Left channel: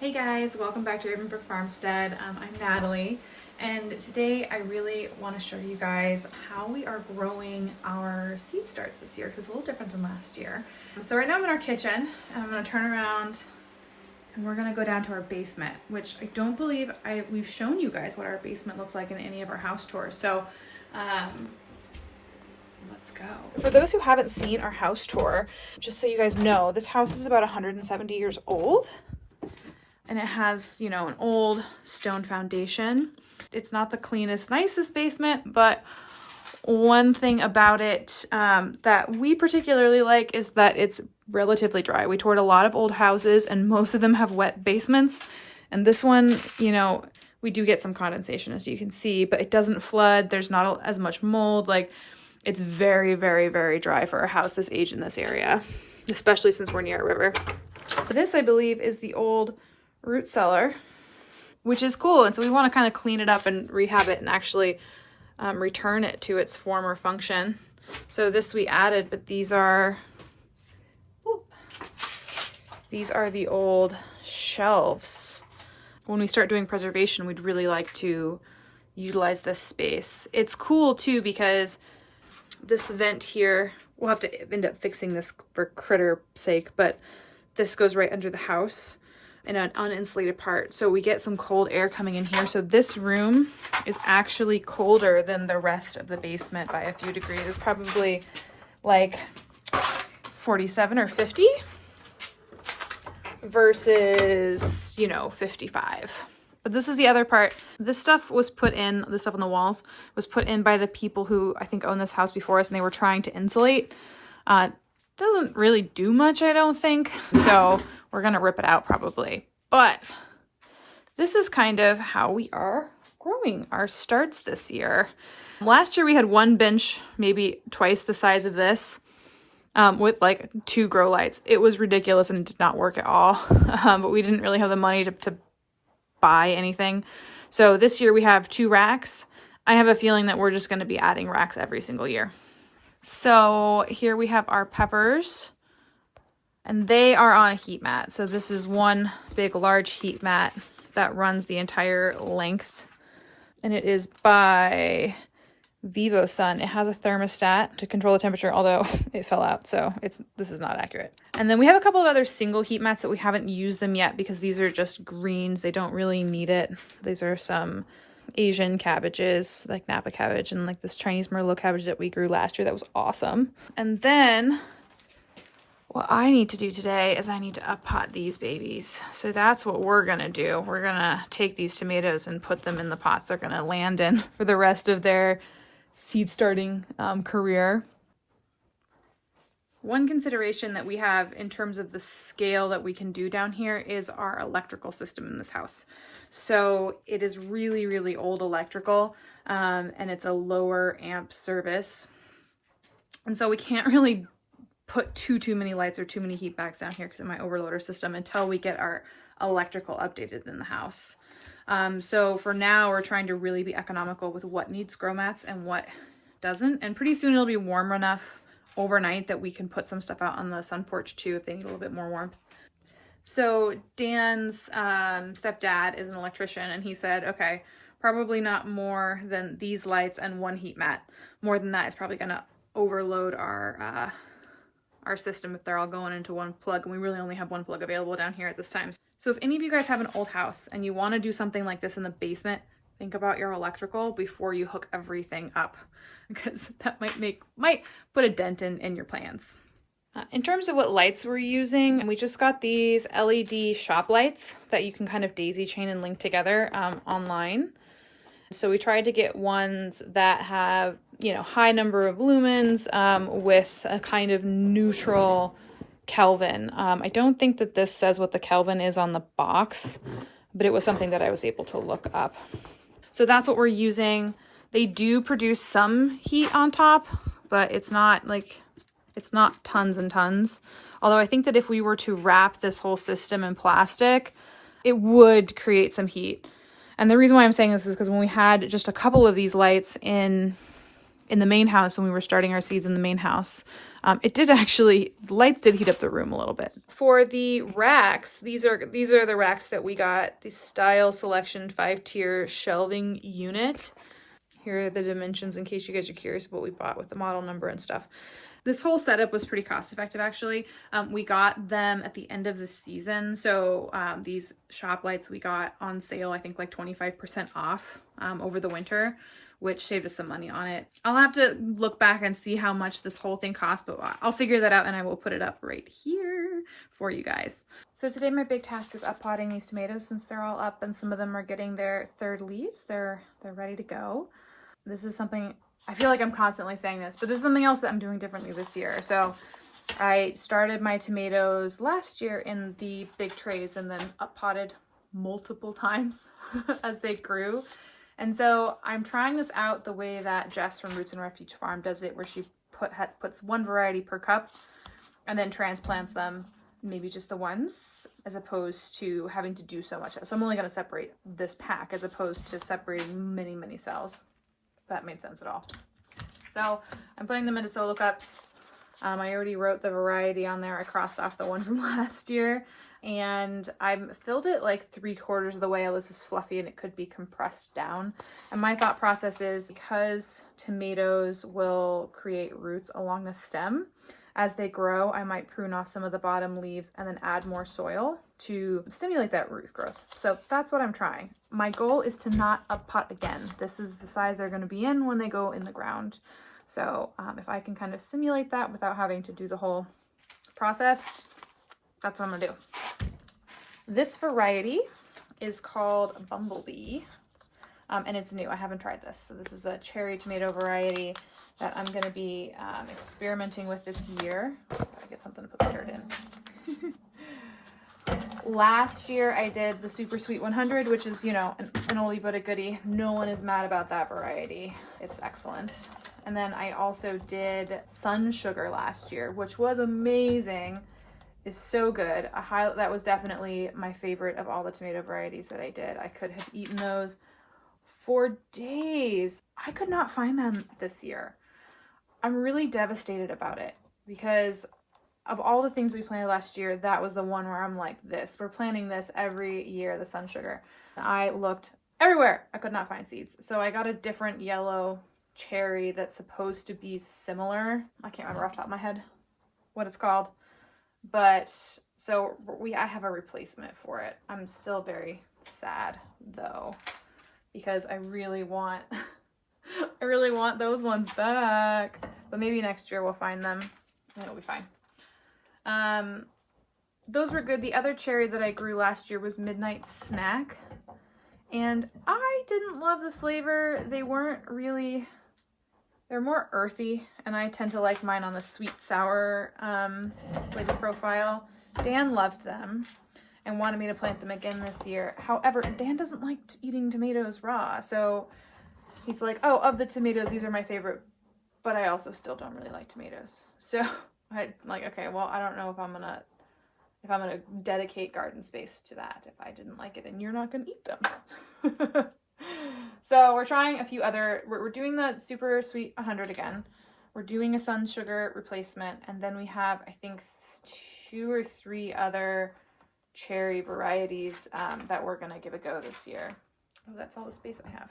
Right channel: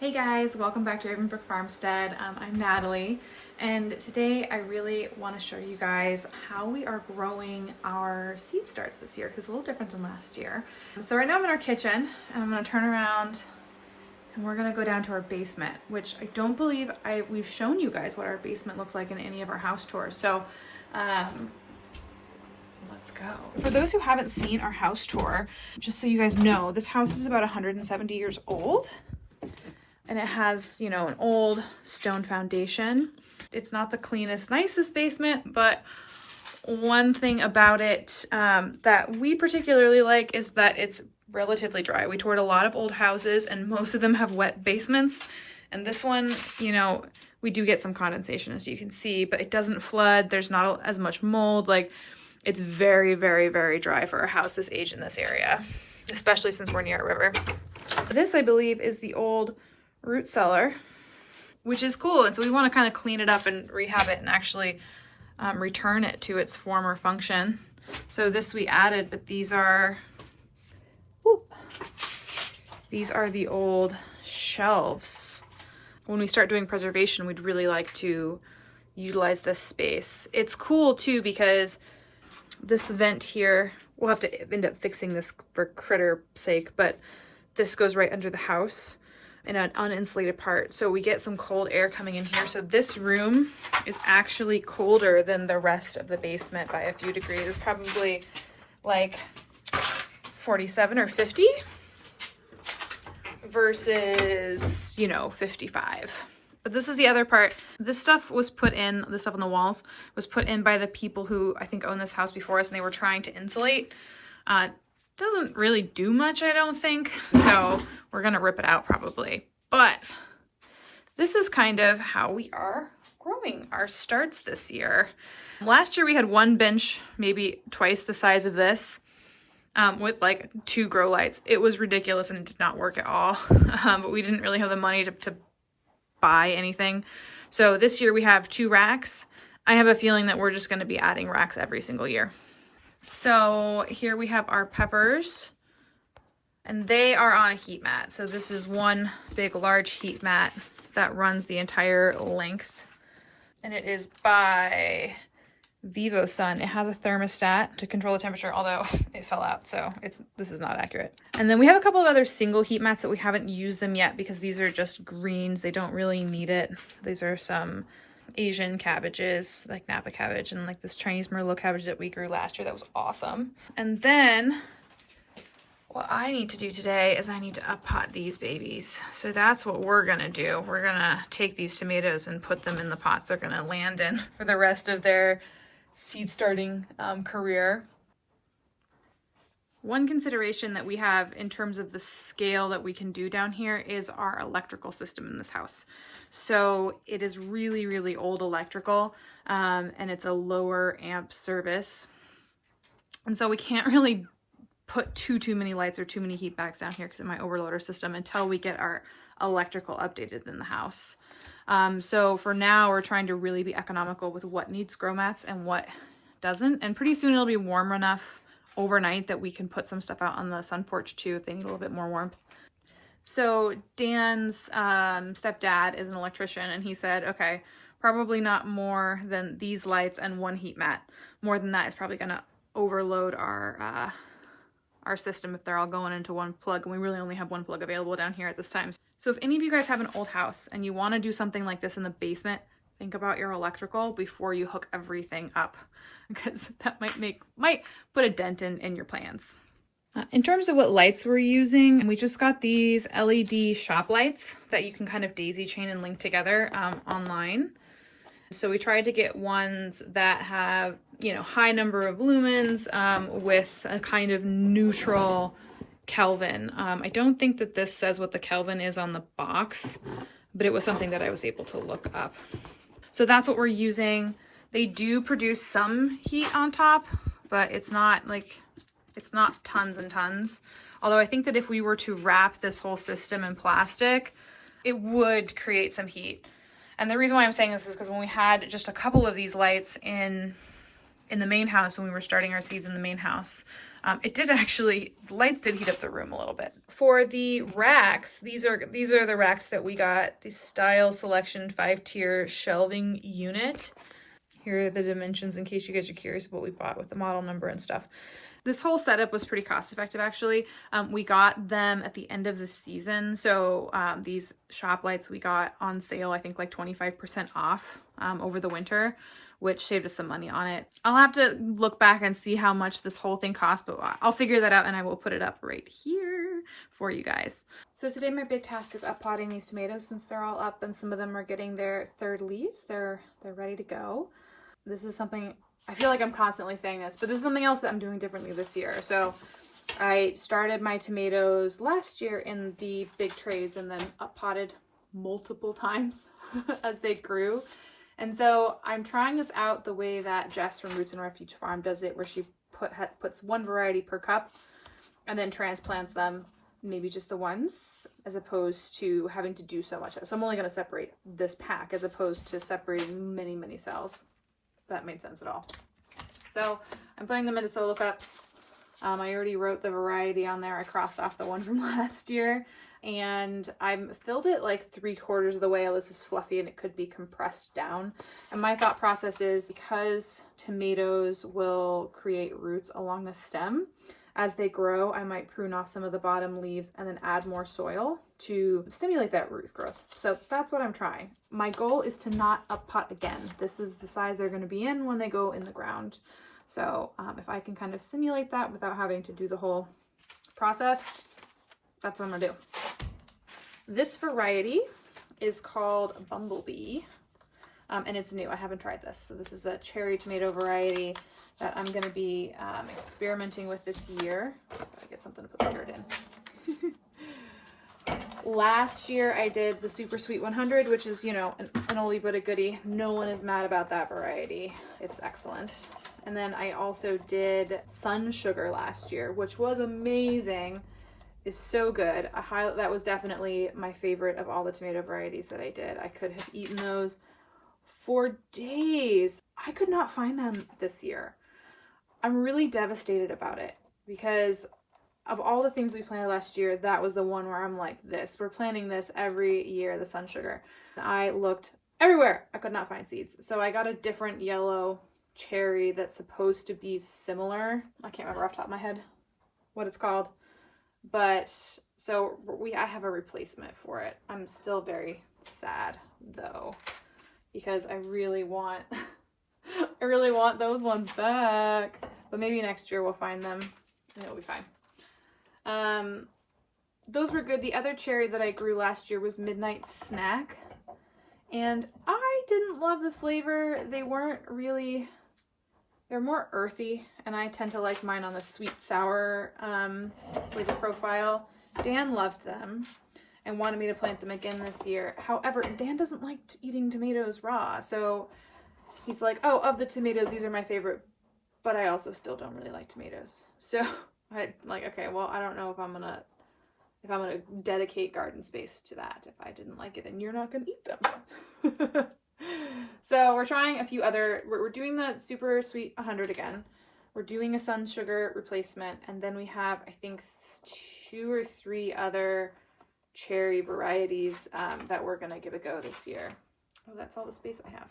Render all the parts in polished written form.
Hey guys, welcome back to Ravenbrook Farmstead. I'm Natalie, and today I really want to show you guys how we are growing our seed starts this year, because it's a little different than last year. So right now I'm in our kitchen, and I'm going to turn around and we're going to go down to our basement, which I don't believe we've shown you guys what our basement looks like in any of our house tours. So let's go. For those who haven't seen our house tour, just so you guys know, this house is about 170 years old. And it has, an old stone foundation. It's not the cleanest, nicest basement, but one thing about it that we particularly like is that it's relatively dry. We toured a lot of old houses and most of them have wet basements. And this one, we do get some condensation, as you can see, but it doesn't flood. There's not as much mold. Like, it's very, very, very dry for a house this age in this area, especially since we're near a river. So this, I believe, is the old root cellar, which is cool. And so we want to kind of clean it up and rehab it and actually return it to its former function. So this we added, but these are the old shelves. When we start doing preservation, we'd really like to utilize this space. It's cool too, because this vent here, we'll have to end up fixing this for critter sake, but this goes right under the house in an uninsulated part, so we get some cold air coming in here. So this room is actually colder than the rest of the basement by a few degrees. It's probably like 47 or 50 versus 55. But this is the other part. This stuff was put in, the stuff on the walls was put in by the people who I think owned this house before us, and they were trying to insulate. Doesn't really do much, I don't think, so we're gonna rip it out probably. But this is kind of how we are growing our starts this year. Last year we had one bench, maybe twice the size of this, with like 2 grow lights. It was ridiculous and did not work at all, but we didn't really have the money to buy anything. So this year we have 2 racks. I have a feeling that we're just gonna be adding racks every single year. So here we have our peppers, and they are on a heat mat. So this is one big large heat mat that runs the entire length, and it is by VivoSun. It has a thermostat to control the temperature, although it fell out, so this is not accurate. And then we have a couple of other single heat mats that we haven't used them yet because these are just greens. They don't really need it. These are some Asian cabbages, like Napa cabbage, and like this Chinese Merlot cabbage that we grew last year that was awesome. And then what I need to do today is I need to up pot these babies. So that's what we're gonna do. We're gonna take these tomatoes and put them in the pots they're gonna land in for the rest of their seed starting career. One consideration that we have in terms of the scale that we can do down here is our electrical system in this house. So it is really, really old electrical, and it's a lower amp service. And so we can't really put too many lights or too many heat backs down here because of my overloader system until we get our electrical updated in the house. So for now, we're trying to really be economical with what needs grow mats and what doesn't. And pretty soon it'll be warm enough overnight that we can put some stuff out on the sun porch too if they need a little bit more warmth. So Dan's stepdad is an electrician, and he said, okay, probably not more than these lights and 1 heat mat. More than that is probably gonna overload our system if they're all going into one plug, and we really only have 1 plug available down here at this time. So if any of you guys have an old house and you want to do something like this in the basement, think about your electrical before you hook everything up, because that might put a dent in your plans. In terms of what lights we're using, we just got these LED shop lights that you can kind of daisy chain and link together online. So we tried to get ones that have, high number of lumens with a kind of neutral Kelvin. I don't think that this says what the Kelvin is on the box, but it was something that I was able to look up. So that's what we're using. They do produce some heat on top, but it's not tons and tons. Although I think that if we were to wrap this whole system in plastic, it would create some heat. And the reason why I'm saying this is because when we had just a couple of these lights in the main house, when we were starting our seeds in the main house, It did actually, the lights did heat up the room a little bit. For the racks, these are the racks that we got. The Style Selection 5-tier shelving unit. Here are the dimensions in case you guys are curious what we bought with the model number and stuff. This whole setup was pretty cost effective actually. We got them at the end of the season. So these shop lights we got on sale, I think like 25% off over the winter, which saved us some money on it. I'll have to look back and see how much this whole thing cost, but I'll figure that out and I will put it up right here for you guys. So today my big task is up potting these tomatoes since they're all up and some of them are getting their third leaves. They're ready to go. This is something, I feel like I'm constantly saying this, but this is something else that I'm doing differently this year. So I started my tomatoes last year in the big trays and then up potted multiple times as they grew. And so I'm trying this out the way that Jess from Roots and Refuge Farm does it, where she puts one variety per cup and then transplants them, maybe just the ones, as opposed to having to do so much. So I'm only going to separate this pack as opposed to separating many, many cells. That made sense at all. So I'm putting them into solo cups. I already wrote the variety on there. I crossed off the one from last year and I've filled it like 3/4 of the way. This is fluffy and it could be compressed down. And my thought process is, because tomatoes will create roots along the stem, as they grow, I might prune off some of the bottom leaves and then add more soil to stimulate that root growth. So that's what I'm trying. My goal is to not up pot again. This is the size they're going to be in when they go in the ground. So if I can kind of simulate that without having to do the whole process, that's what I'm going to do. This variety is called Bumblebee. And it's new. I haven't tried this. So this is a cherry tomato variety that I'm going to be experimenting with this year. Gotta get something to put the dirt in. Last year I did the Super Sweet 100, which is, you know, an oldie but a goodie. No one is mad about that variety. It's excellent. And then I also did Sun Sugar last year, which was amazing. Is so good. That was definitely my favorite of all the tomato varieties that I did. I could have eaten those for days. I could not find them this year. I'm really devastated about it because of all the things we planted last year, that was the one where I'm like, we're planting this every year, the Sun Sugar. I looked everywhere. I could not find seeds. So I got a different yellow cherry that's supposed to be similar. I can't remember off the top of my head what it's called. But so I have a replacement for it. I'm still very sad though, because I really want those ones back. But maybe next year we'll find them and it'll be fine. Those were good. The other cherry that I grew last year was Midnight Snack. And I didn't love the flavor. They're more earthy, and I tend to like mine on the sweet sour flavor profile. Dan loved them and wanted me to plant them again this year. However, Dan doesn't like eating tomatoes raw, so he's like, oh, of the tomatoes, these are my favorite, but I also still don't really like tomatoes. So I'm like, okay, well, I don't know if I'm gonna dedicate garden space to that if I didn't like it and you're not gonna eat them. So we're trying a few other, we're doing the Super Sweet 100 again. We're doing a Sun Sugar replacement, and then we have, I think, 2 or 3 other cherry varieties that we're gonna give a go this year. Oh, that's all the space I have.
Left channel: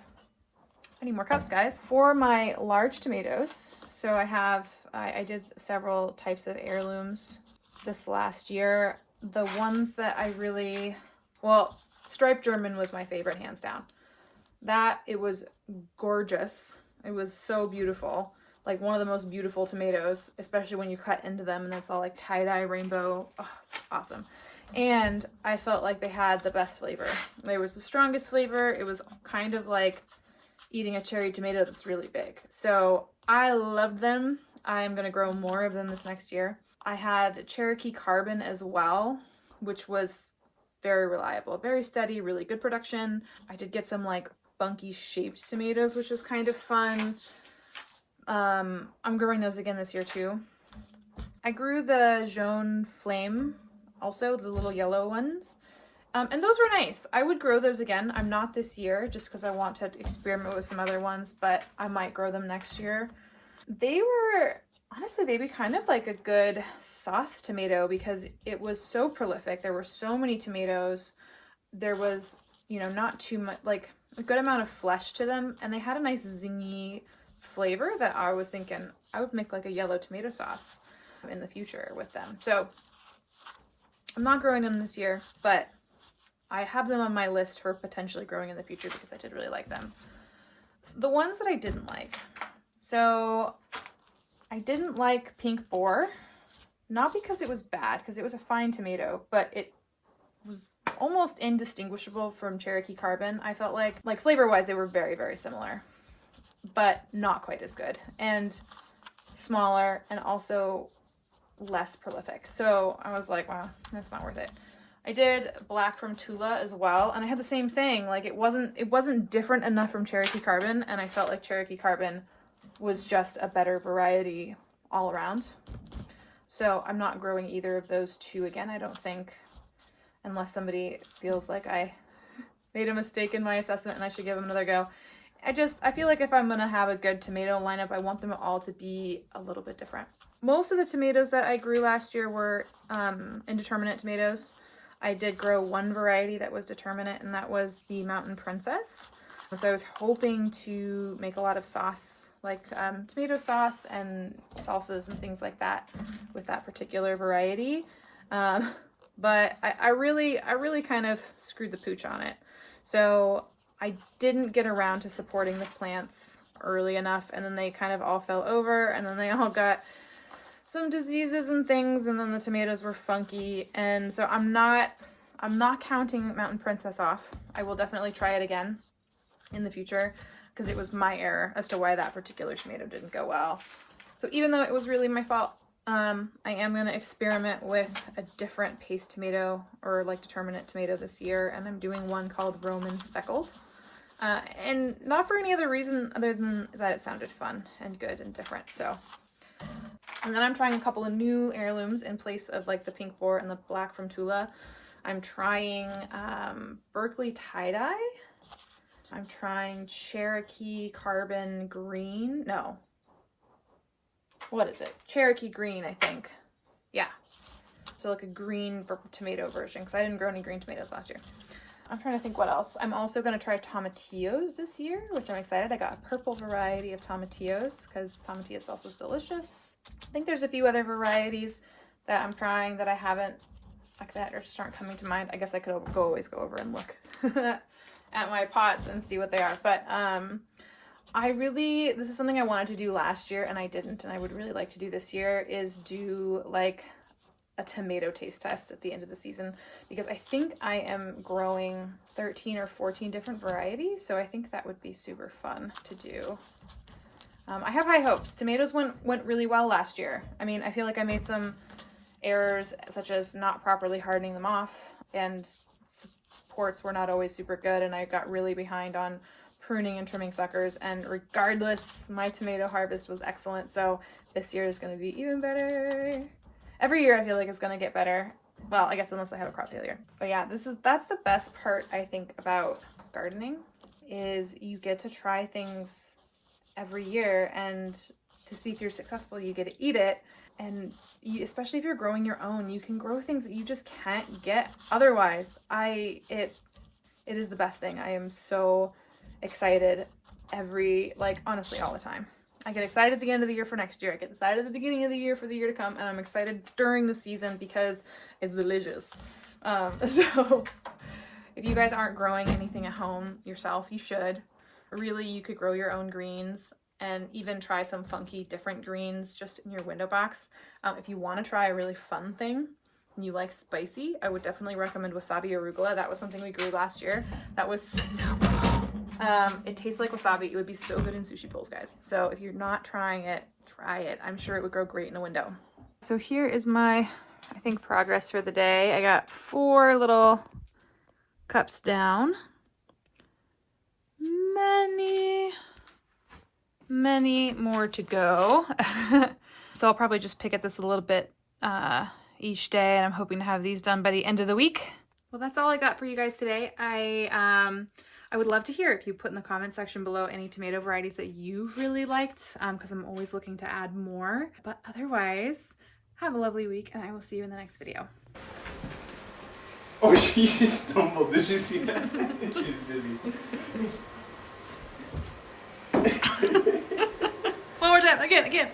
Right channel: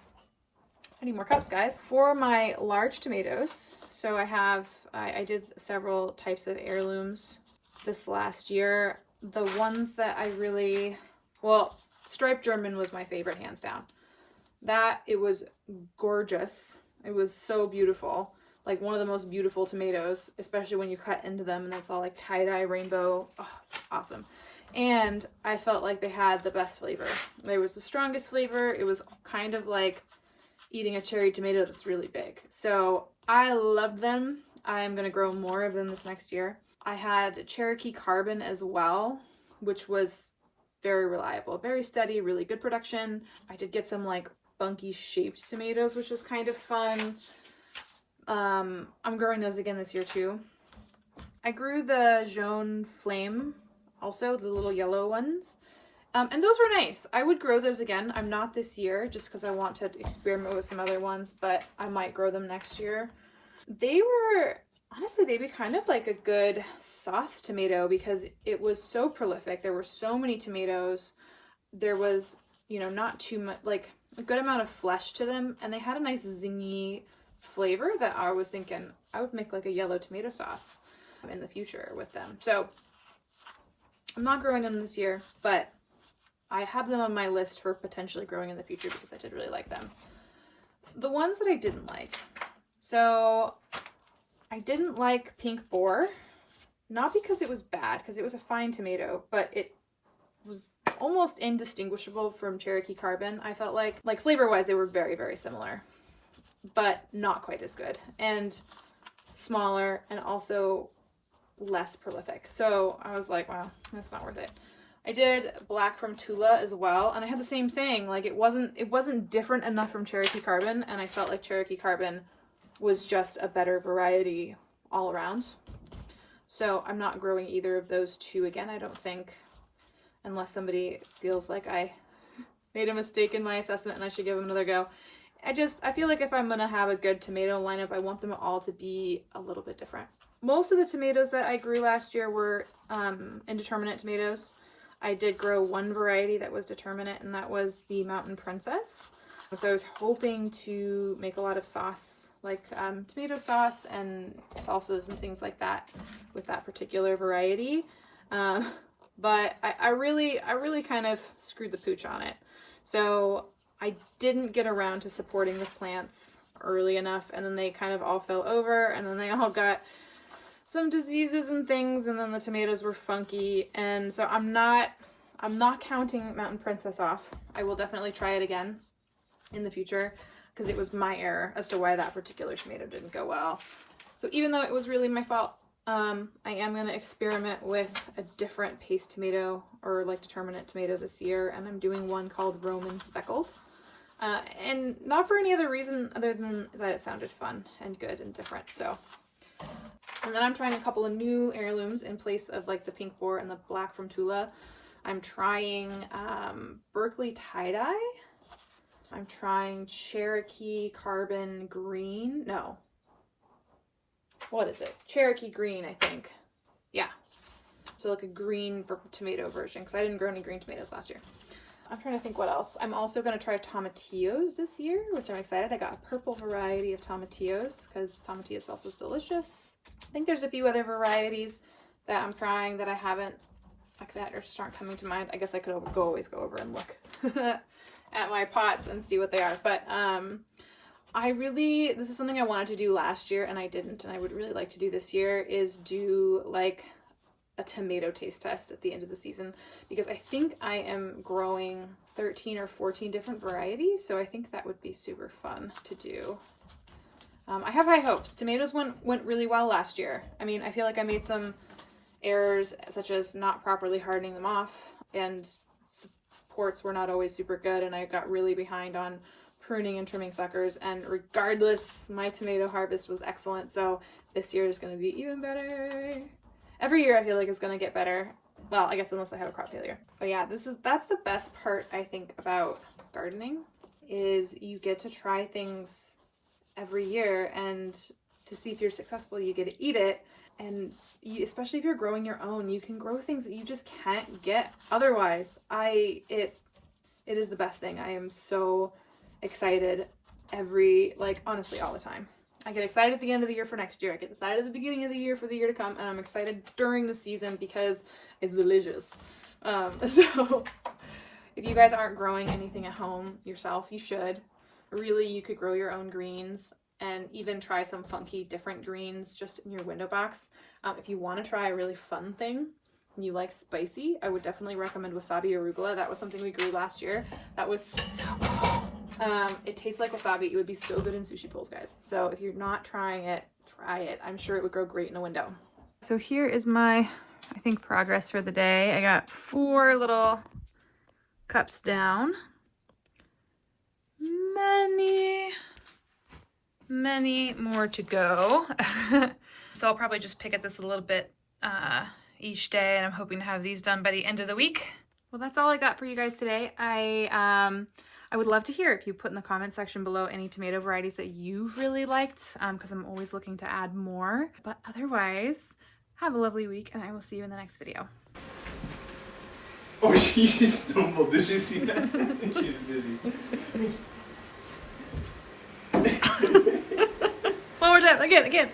I need more cups, guys. For my large tomatoes, so I did several types of heirlooms this last year. The ones that Striped German was my favorite, hands down. It was gorgeous. It was so beautiful. Like one of the most beautiful tomatoes, especially when you cut into them and it's all like tie-dye rainbow. Oh, it's awesome. And I felt like they had the best flavor. There was the strongest flavor. It was kind of like eating a cherry tomato that's really big. So I loved them. I'm going to grow more of them this next year. I had Cherokee Carbon as well, which was very reliable, very steady, really good production. I did get some like funky shaped tomatoes, which is kind of fun. I'm growing those again this year too. I grew the Jaune Flame, also the little yellow ones. And those were nice. I would grow those again. I'm not this year just because I want to experiment with some other ones, but I might grow them next year. They were honestly, they'd be kind of like a good sauce tomato because it was so prolific. There were so many tomatoes. There was, you know, not too much, like a good amount of flesh to them. And they had a nice zingy flavor that I was thinking I would make like a yellow tomato sauce in the future with them. So I'm not growing them this year, but I have them on my list for potentially growing in the future because I did really like them. The ones that I didn't like. So I didn't like Pink Boar, not because it was bad, because it was a fine tomato, but it was almost indistinguishable from Cherokee Carbon. I felt like flavor-wise, they were very, very similar, but not quite as good and smaller and also less prolific. So I was like, wow, that's not worth it. I did Black from Tula as well, and I had the same thing. Like it wasn't different enough from Cherokee Carbon, and I felt like Cherokee Carbon was just a better variety all around. So I'm not growing either of those two again, I don't think, unless somebody feels like I made a mistake in my assessment and I should give them another go. I feel like if I'm gonna have a good tomato lineup, I want them all to be a little bit different. Most of the tomatoes that I grew last year were indeterminate tomatoes. I did grow one variety that was determinate, and that was the Mountain Princess. So I was hoping to make a lot of sauce, like tomato sauce and salsas and things like that with that particular variety. But I really kind of screwed the pooch on it. So I didn't get around to supporting the plants early enough, and then they kind of all fell over, and then they all got some diseases and things, and then the tomatoes were funky. And so I'm not counting Mountain Princess off. I will definitely try it again in the future because it was my error as to why that particular tomato didn't go well. So even though it was really my fault, I am going to experiment with a different paste tomato or like determinate tomato this year, and I'm doing one called Roman Speckled. And not for any other reason other than that it sounded fun and good and different. So, and then I'm trying a couple of new heirlooms in place of like the Pink Boar and the Black from Tula. I'm trying Berkeley Tie-Dye. I'm trying Cherokee Carbon Green. No. What is it? Cherokee Green, I think. Yeah. So like a green tomato version, because I didn't grow any green tomatoes last year. I'm trying to think what else. I'm also going to try tomatillos this year, which I'm excited. I got a purple variety of tomatillos because tomatillo salsa is delicious. I think there's a few other varieties that I'm trying that I haven't, like that just aren't coming to mind. I guess I could always go over and look at my pots and see what they are. But this is something I wanted to do last year and I didn't, and I would really like to do this year, is do like a tomato taste test at the end of the season, because I think I am growing 13 or 14 different varieties, so I think that would be super fun to do. I have high hopes. Tomatoes went really well last year. I mean, I feel like I made some errors such as not properly hardening them off, and supports were not always super good, and I got really behind on pruning and trimming suckers, and regardless, my tomato harvest was excellent. So this year is going to be even better. Every year I feel like it's going to get better. Well, I guess unless I have a crop failure. But yeah, that's the best part I think about gardening, is you get to try things every year, and to see if you're successful, you get to eat it. And especially if you're growing your own, you can grow things that you just can't get otherwise. It is the best thing. I am so excited honestly all the time. I get excited at the end of the year for next year. I get excited at the beginning of the year for the year to come, and I'm excited during the season because it's delicious. So if you guys aren't growing anything at home yourself, you should. Really, you could grow your own greens and even try some funky different greens just in your window box. If you want to try a really fun thing and you like spicy, I would definitely recommend wasabi arugula. That was something we grew last year. That was so cool. It tastes like wasabi. It would be so good in sushi bowls, guys. So if you're not trying it, try it. I'm sure it would grow great in a window. So here is my, I think, progress for the day. I got 4 little cups down. Many more to go. So I'll probably just pick at this a little bit each day, and I'm hoping to have these done by the end of the week. Well, that's all I got for you guys today. I I would love to hear if you put in the comment section below any tomato varieties that you've really liked, because I'm always looking to add more. But otherwise, have a lovely week, and I will see you in the next video. Oh, she just stumbled. Did you see that? She's dizzy. One more time, again.